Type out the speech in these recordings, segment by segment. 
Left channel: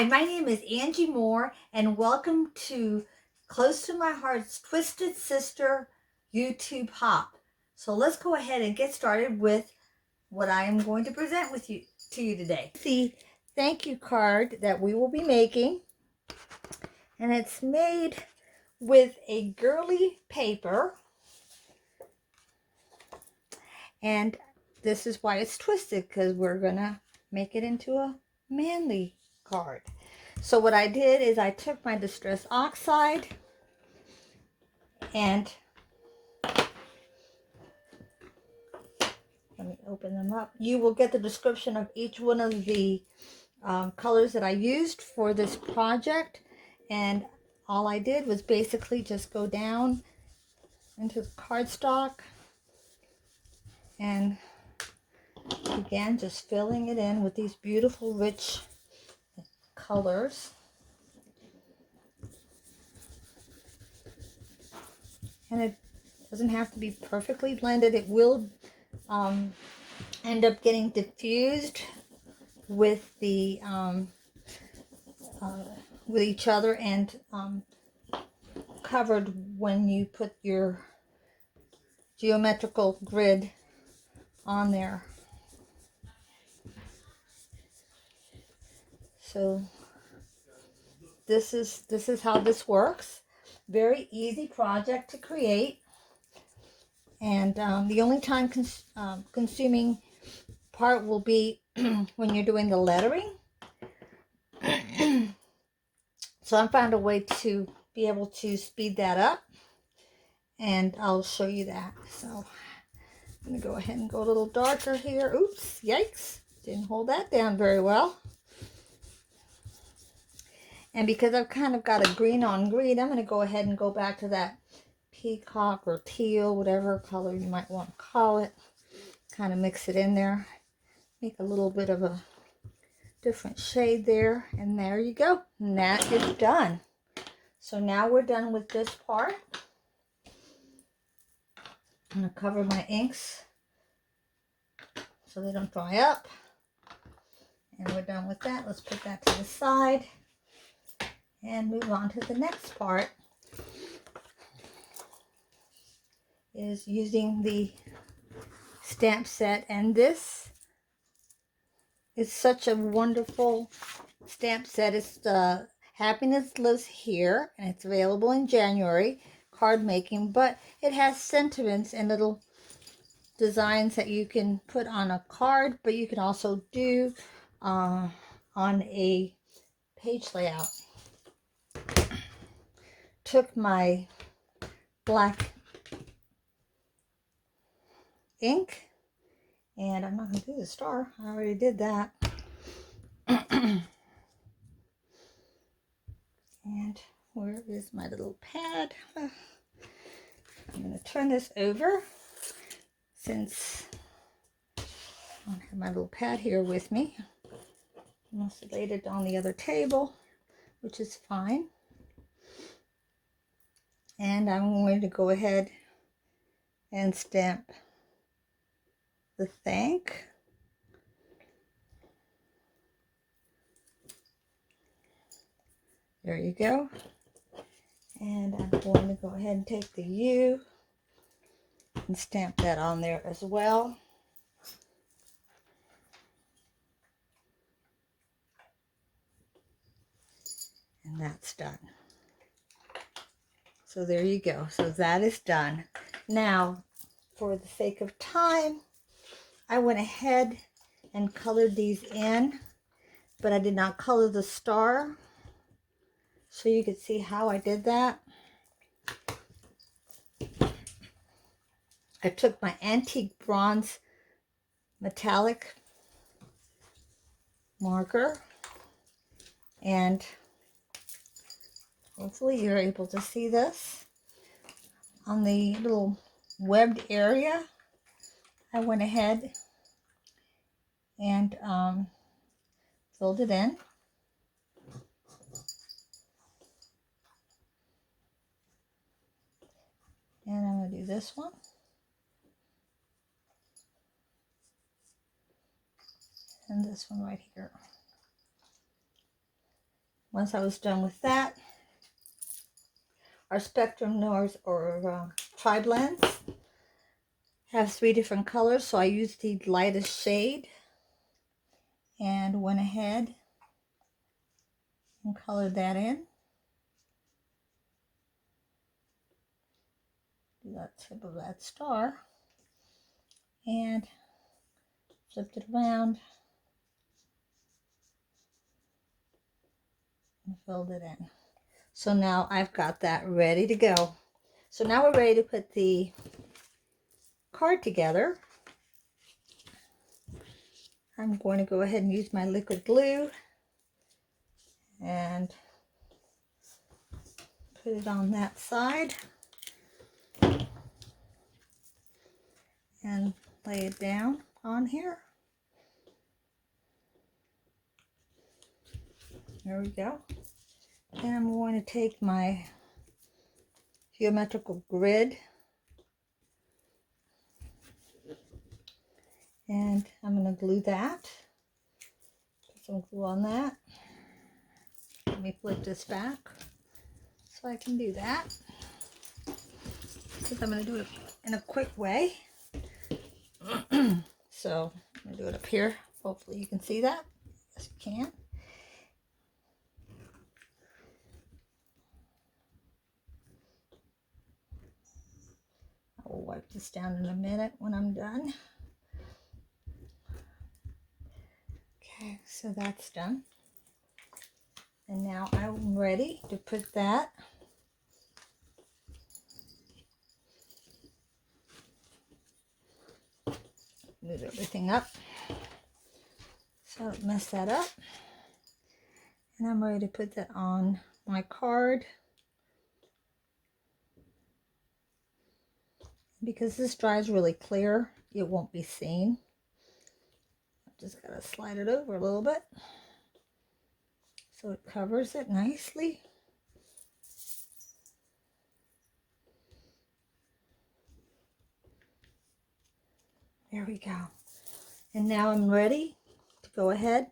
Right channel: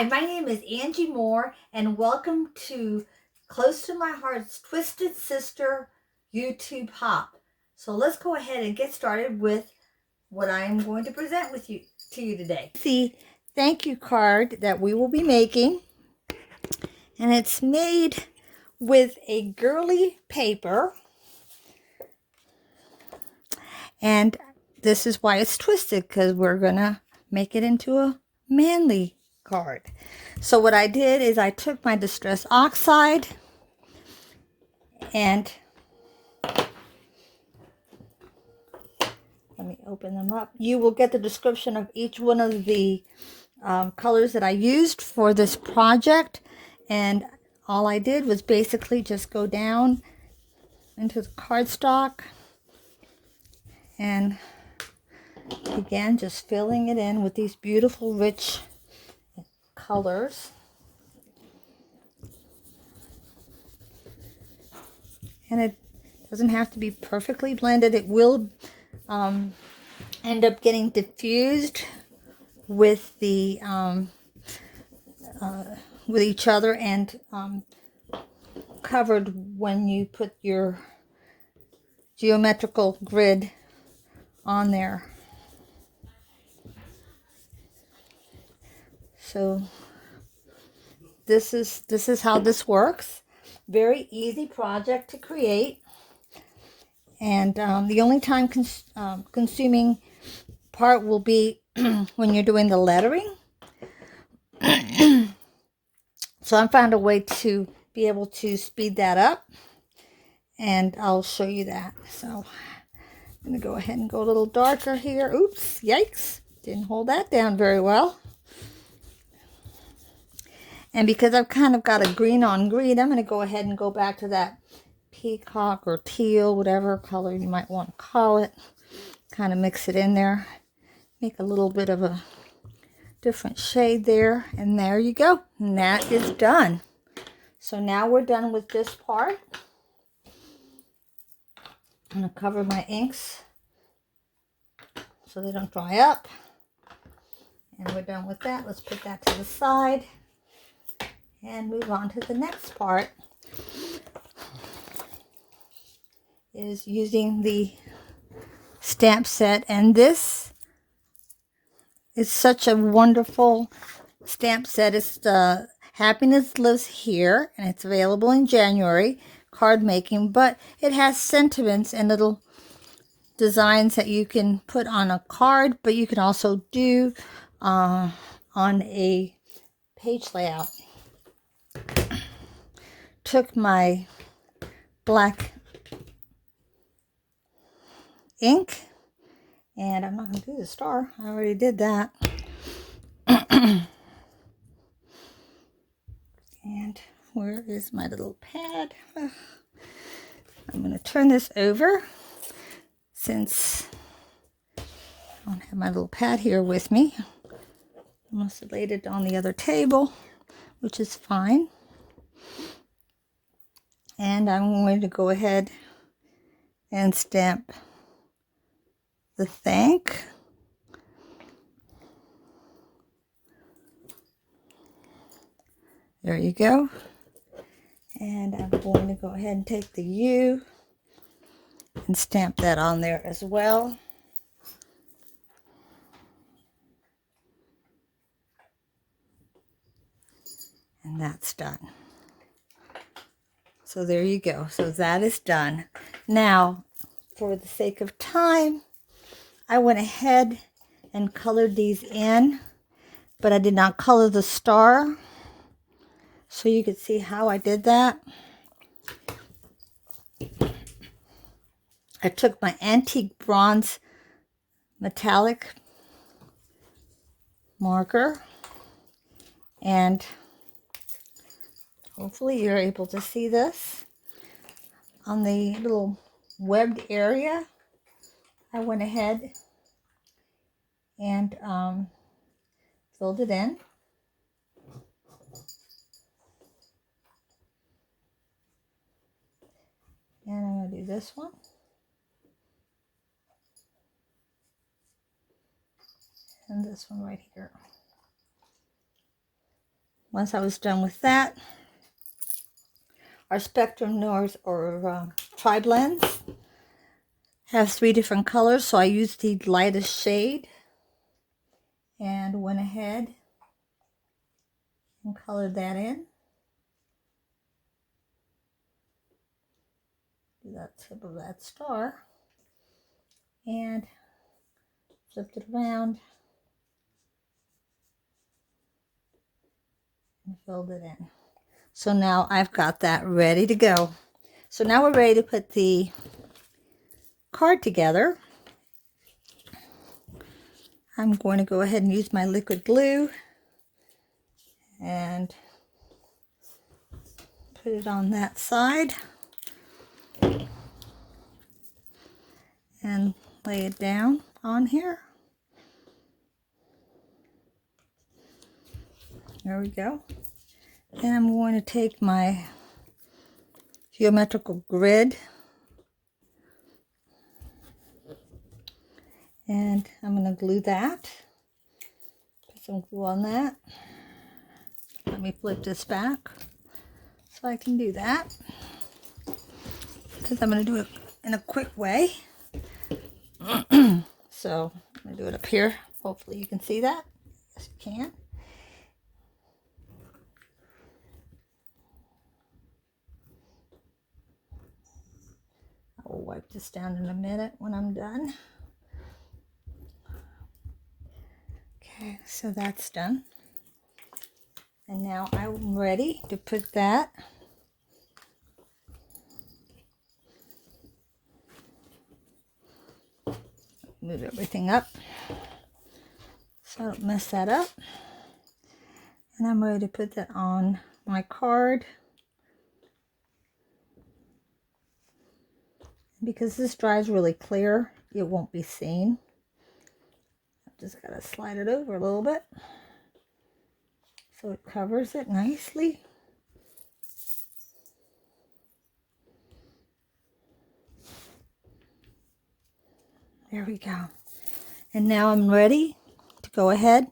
Hi, my name is Angie Moore, and welcome to Close to My Heart's Twisted Sister YouTube Hop. So let's go ahead and get started with what I am going to present to you today. The thank you card that we will be making, and it's made with a girly paper, and this is why it's twisted, because we're gonna make it into a manly card. So what I did is I took my Distress Oxide and let me open them up. You will get the description of each one of the colors that I used for this project, and all I did was basically just go down into the cardstock and again just filling it in with these beautiful rich colors. And it doesn't have to be perfectly blended. It will end up getting diffused with the with each other and covered when you put your geometrical grid on there. So this is how this works. Very easy project to create, and the only time consuming part will be when you're doing the lettering. So I found a way to be able to speed that up, and I'll show you that. So I'm going to go ahead and go a little darker here. Oops, yikes, didn't hold that down very well. And because I've kind of got a green on green, I'm going to go ahead and go back to that peacock or teal, whatever color you might want to call it. Kind of mix it in there. Make a little bit of a different shade there. And there you go. And that is done. So now we're done with this part. I'm going to cover my inks so they don't dry up. And we're done with that. Let's put that to the side and move on to the next part. Is using the stamp set, and this is such a wonderful stamp set. It's the Happiness Lives Here, and it's available in January, card making, but it has sentiments and little designs that you can put on a card, but you can also do on a page layout. Took my black ink, and I'm not going to do the star. I already did that. And where is my little pad? I'm going to turn this over since I don't have my little pad here with me. I must have laid it on the other table, which is fine. And I'm going to go ahead and stamp the thank. There you go. And I'm going to go ahead and take the U and stamp that on there as well. And that's done. So there you go. So that is done. Now, for the sake of time, I went ahead and colored these in, but I did not color the star. So you can see how I did that. I took my antique bronze metallic marker, and hopefully you're able to see this. On the little webbed area, I went ahead and filled it in. And I'm going to do this one. And this one right here. once I was done with that, our Spectrum Noirs or tri-blends have 3 different colors, so I used the lightest shade and went ahead and colored that in. Do that tip of that star and flipped it around and filled it in. So now I've got that ready to go. So now we're ready to put the card together. I'm going to go ahead and use my liquid glue and put it on that side and lay it down on here. There we go. Then I'm going to take my geometrical grid and I'm going to glue that. Put some glue on that. Let me flip this back so I can do that, because I'm going to do it in a quick way. So I'm going to do it up here. Hopefully you can see that. Yes, you can. I'll wipe this down in a minute when I'm done. Okay, so that's done. And now I'm ready to put that move everything up so I don't mess that up. And I'm ready to put that on my card. Because this dries really clear, it won't be seen. I just gotta slide it over a little bit so it covers it nicely. There we go. And now I'm ready to go ahead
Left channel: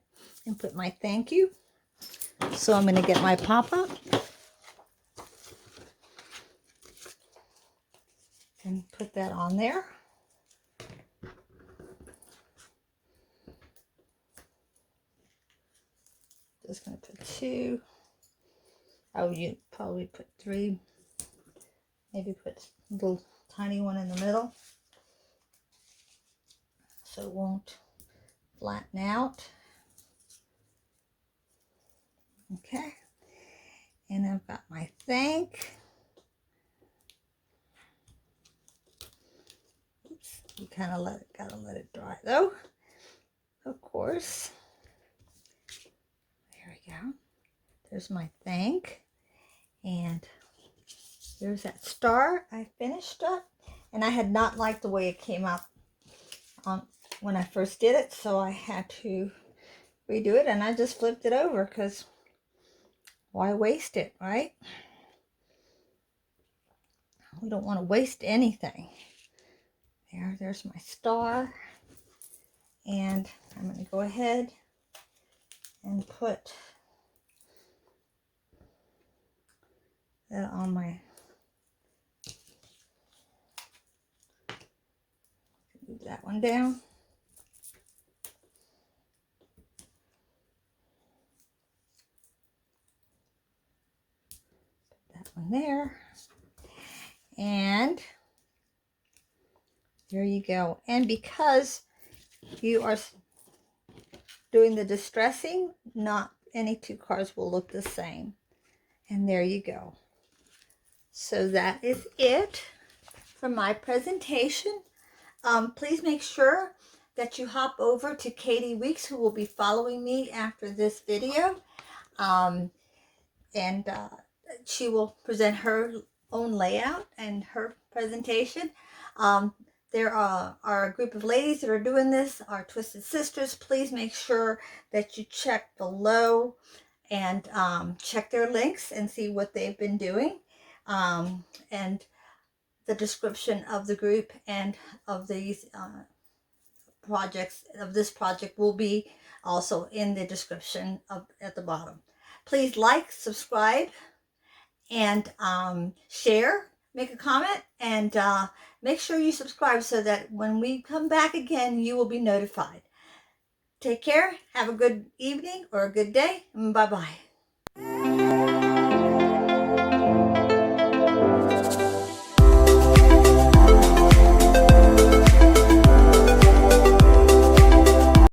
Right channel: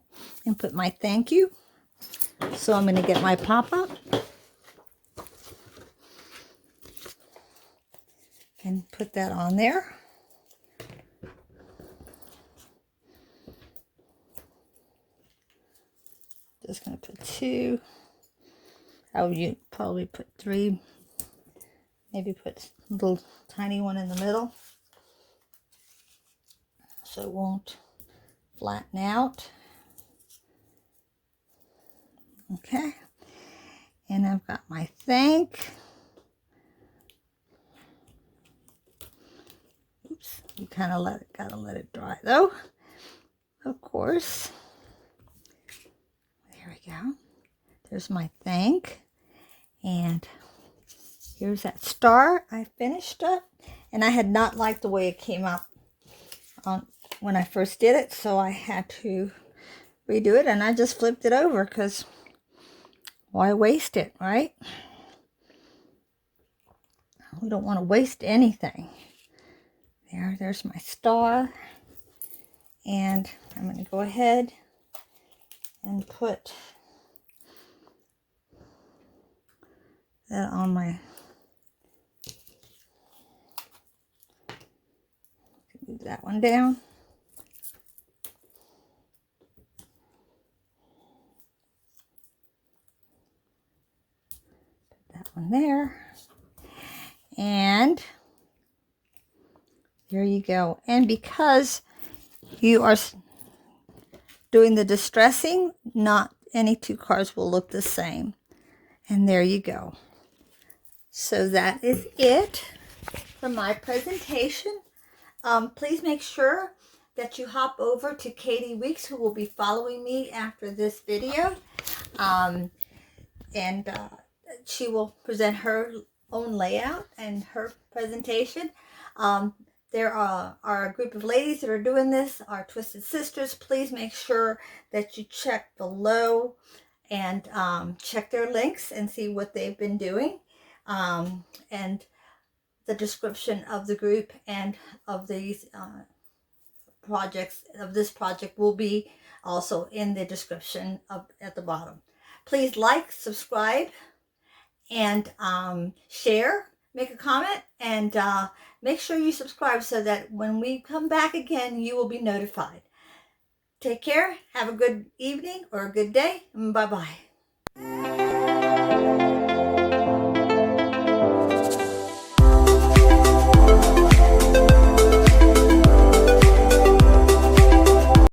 and put my thank you. So I'm going to get my pop-up and put that on there. Just going to put 2. I would probably put 3. Maybe put a little tiny one in the middle so it won't flatten out. Okay, and I've got my thank. Oops, you kind of gotta let it dry though, of course. There we go. There's my thank, and here's that star. I finished it, and I had not liked the way it came out when I first did it, so I had to redo it, and I just flipped it over because why waste it, right? We don't want to waste anything. There's my star, and I'm going to go ahead and put that on my, move that one down. Put that one there. And there you go. And because you are doing the distressing, not any 2 cards will look the same. And there you go. So that is it for my presentation. Please make sure that you hop over to Katie Weeks, who will be following me after this video. She will present her own layout and her presentation. There are a group of ladies that are doing this, our Twisted Sisters. Please make sure that you check below and check their links and see what they've been doing. And the description of the group and of these projects, of this project, will be also in the description at the bottom. Please like, subscribe, and share, make a comment, and make sure you subscribe so that when we come back again, you will be notified. Take care. Have a good evening or a good day. Bye-bye.